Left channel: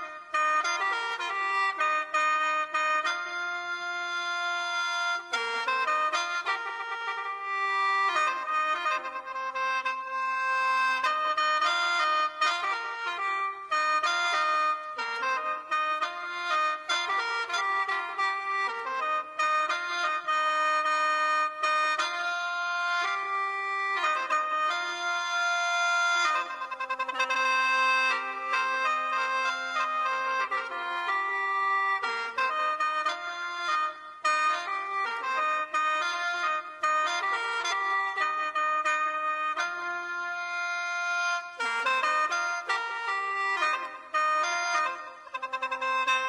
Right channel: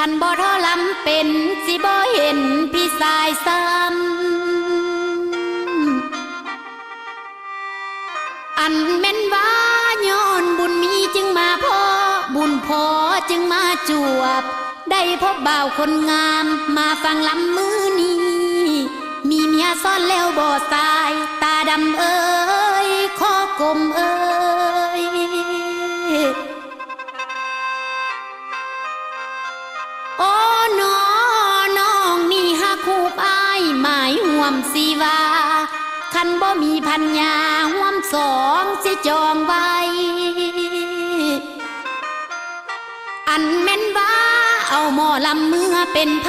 คันบ่ทอลำเป็นสิบ่เห็นพี่สายซ้ำอันแม่นว่าย้อนบุญมีจึงมาพอบุญพอจึงมาจวบได้พบบ่าวคนงามมาฟังลำมือนี้มีเมียซ่อนแล้วบ่สายตาดำเอ้ยคอกลมเอ้ยโอ้น้องนี่ฮักคู่อ้ายหมายห่วมสีว่าคันบ่มีพัญญาห่วมสองสิจองไว้อันแม่นว่าเอาหมอลำเมื่อเป็นไผ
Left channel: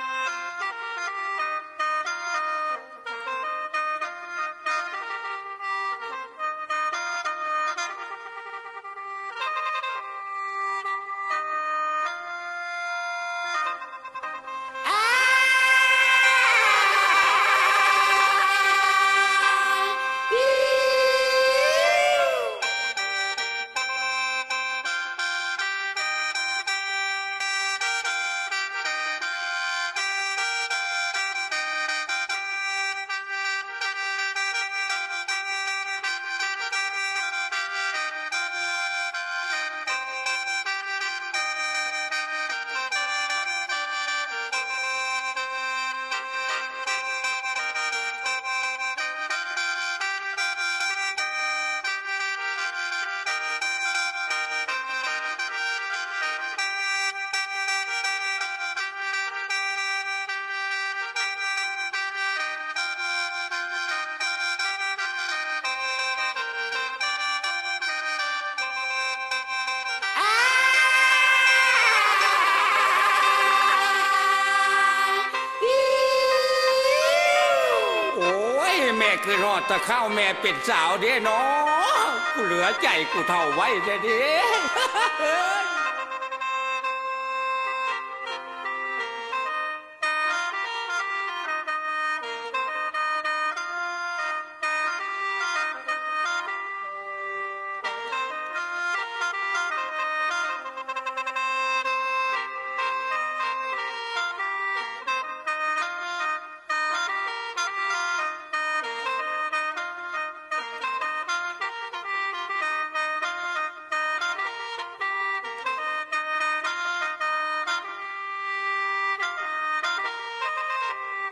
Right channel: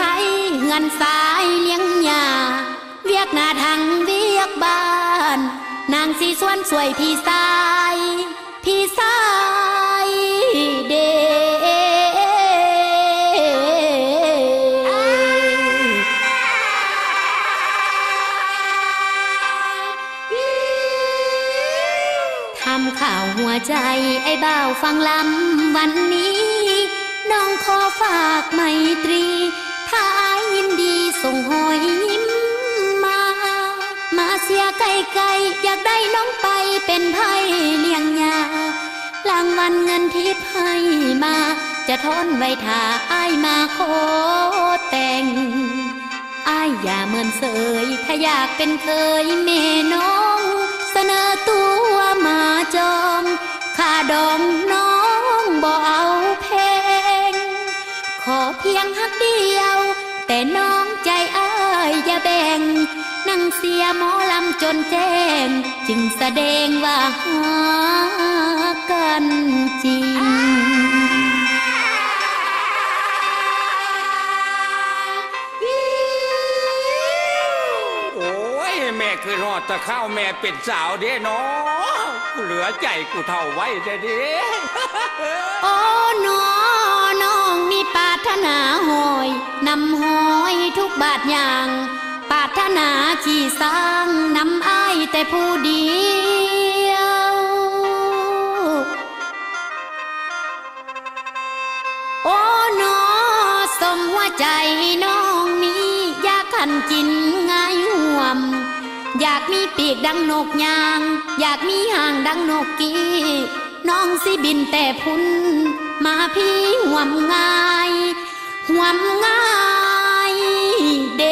เฮือนสายเลี้ยงยาเวียกหน้าทางเวียกบ้านนางสีส่วนสวยพี่สายเดทำข่าวหัวใจไอ้บ่าวฟังลำวันนี้น้องขอฝากไมตรีถ้ายินดีส่งหอยยิ้มมาเสียไกลๆอยากได้น้องไปเป็นไพ่เลี้ยงยารางวัลเงินทิพย์ให้มาจะทนไว้ถ้าอ้ายมาขอแต่งอ้ายอย่าเมินเสยถ้าอยากเป็นเคยแม่น้องเสนอตัวมาจองค่าดองน้องบ่เอาแพงขอเพียงฮักเดียวแต่น้องใจอ้ายอย่าแบ่งนั่งเสียหมอลำจนแจ้งจึงแสดงว่าหากันจริงโอ้ยแม่คือรอดตะเข้าแม่เป็นสาวเด้เนาะกูเหลือใจกูเท่าไว้เด้ โอ้น้องมีปรารถนาหอยนำหอยทุกบาทอย่างปรารถนาขี่สร้างนำอ้ายแต่ผู้เดียวโอ้สมว่าใจน้องนี้อยากขันกินง่ายห่วมอยากมีปีกดังนกยางอยากมีหางดังนกกี้น้องสิบินแต่พุ่นมาพี่ห่วมง่ายเด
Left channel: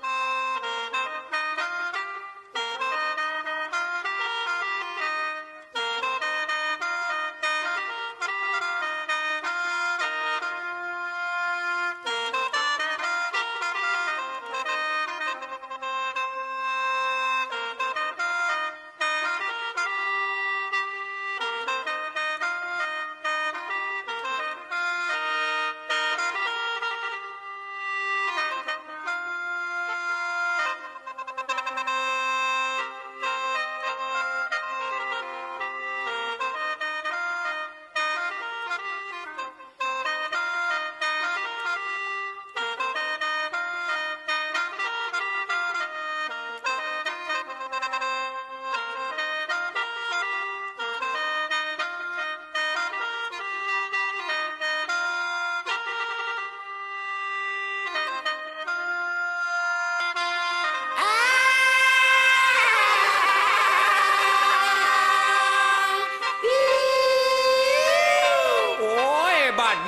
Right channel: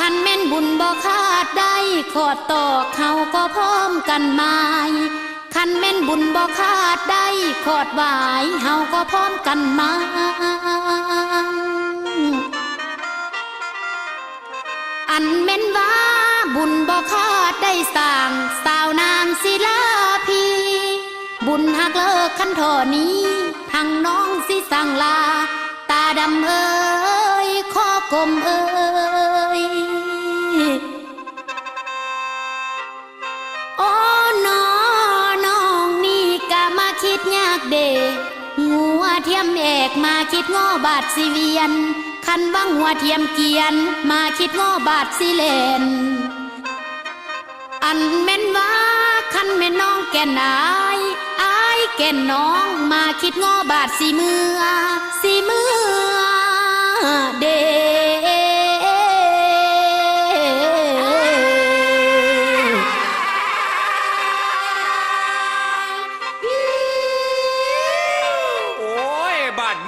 คันแม่นบุญบ่ขาดได้ขอดตอกเขาก็พร้อมกันหมายคันแม่นบุญบ่ขาดได้ขอดหวายเฮาก็พร้อมกันมาอันแม่นว่าบุญบ่ขาดได้สร้างสาวนางศิลาพีบุญหักเลิกคันทอนี้ทั้งน้องสิสั่งลาตาดำเอ้ยคอกลมเอ้ยโอ้น้องนี่กะมาคิดยากเดงัวเทียมเอกมาคิดง้อบาทสิเวียนคันว่างัวเทียมเกียนมาคิดง้อบาทสิเลนอันแม่นว่าคันแม่น้องแก่นอายแก่นน้องมาคิดง้อบาทสิเมื่อเด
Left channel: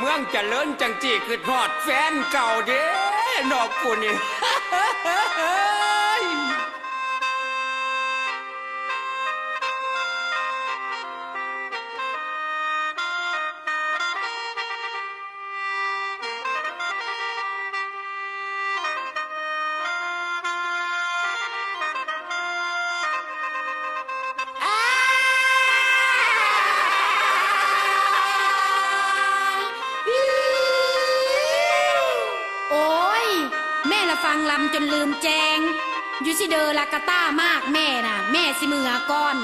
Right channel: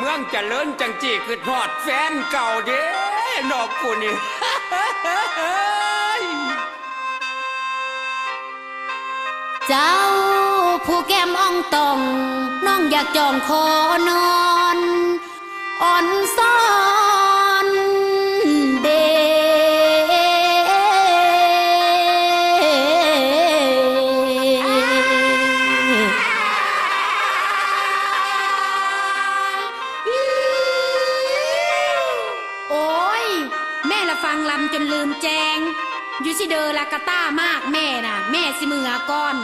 เมืองเจริญจังจีคือทอดแฟนเก่าเด้นอกกูนี่ เจ้าผู้แก้มอ่องตองน้องอยากจองคอนอนอ่อนซ้อนเดแม่ละฟังลำจนลืมแจงอยู่สิเดอละกะต้ามากแม่น่ะแม่สิมือก่อน